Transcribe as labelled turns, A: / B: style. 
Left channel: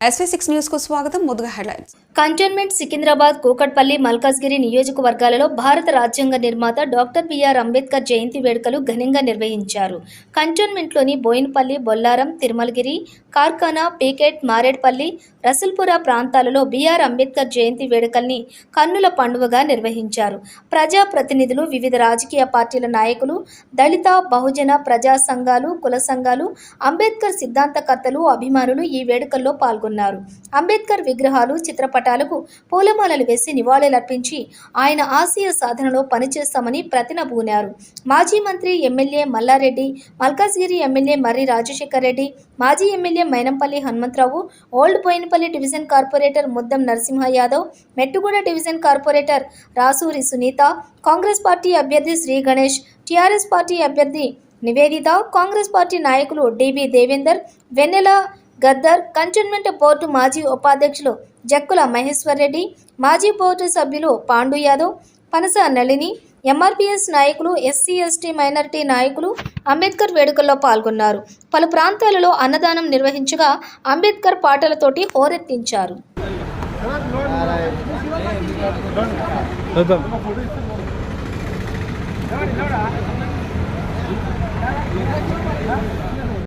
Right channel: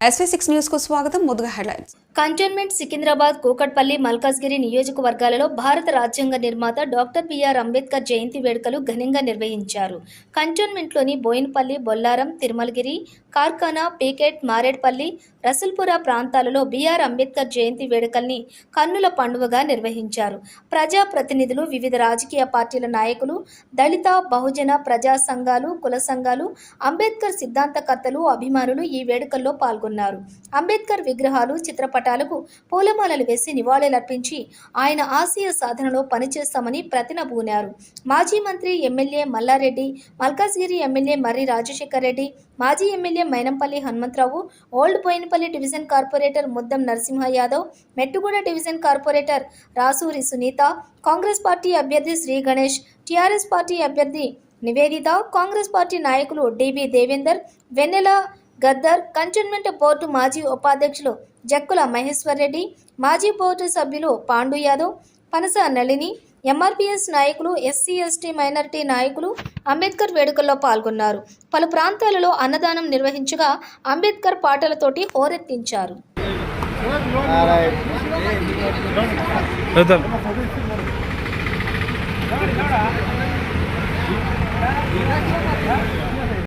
A: SV six న్యూస్కు స్వాగతం ముందుగా హెడ్లైన్స్
B: కంటోన్మెంట్ సికింద్రాబాద్ కూకట్పల్లి మల్కాజ్గిరి నియోజకవర్గాలలో భారత రాజ్యాంగ నిర్మాత డాక్టర్ బిఆర్ అంబేద్కర్ జయంతి వేడుకలు ఘనంగా నిర్వహించారు. కంటోన్మెంట్లోని బోయినపల్లి బొల్లారం తిరుమలగిరి కార్ఖానా పీకెట్ మారేడ్పల్లి రసల్పుర ప్రాంతాలలో బిఆర్ అంబేద్కర్ జయంతి వేడుకల్ని కన్నుల పండుగగా నిర్వహించారు. ప్రజా ప్రతినిధులు వివిధ రాజకీయ పార్టీల నాయకులు దళిత బహుజన ప్రజా సంఘాలు కుల సంఘాలు అంబేద్కర్ సిద్ధాంతకర్తలు అభిమానులు ఈ వేడుకల్లో పాల్గొన్నారు. అంబేద్కర్ విగ్రహాలు చిత్రపటాలకు పూలమాలలు వేసి నివాళులర్పించి ఆయన ఆశయ సాధనలో పనిచేస్తామని ప్రతినబూనారు. మాజీ మంత్రి ఎమ్మెల్యే మల్లారెడ్డి మల్కాజ్గిరి ఎమ్మెల్యే మర్రి రాజశేఖర్ రెడ్డి మాజీ MLA Mynampally Hanumantha Rao old Bowenpally division corporator Muddam Narasimha Yadav Mettuguda division corporator Rasuri Sunitha Congress party అభ్యర్థి శ్రీ గణేష్ టీఆర్ఎస్ పార్టీ అభ్యర్థి నివేదిత కాంగ్రెస్ పార్టీ నాయకులు DB Devender Vennela Gaddar cantonment board మాజీ ఉపాధ్యక్షులు జక్కుల మహేశ్వర్ రెడ్డి మాజీ బోర్డు సభ్యులు పాండు యాదవ్ పనస నళిని ఎంఆర్పిఎస్ నాయకులు ఎస్సీ ఎస్టీ మైనారిటీ నాయకులు అంబేద్కర్ వేడుకల్లో పాల్గొన్నారు. పలు ప్రాంతాలలో అన్నదానం నిర్వహించగా అంబేద్కర్ పాటలతోటి హోరెత్తించారు.
C: వెళ్తాను
D: ఎవరు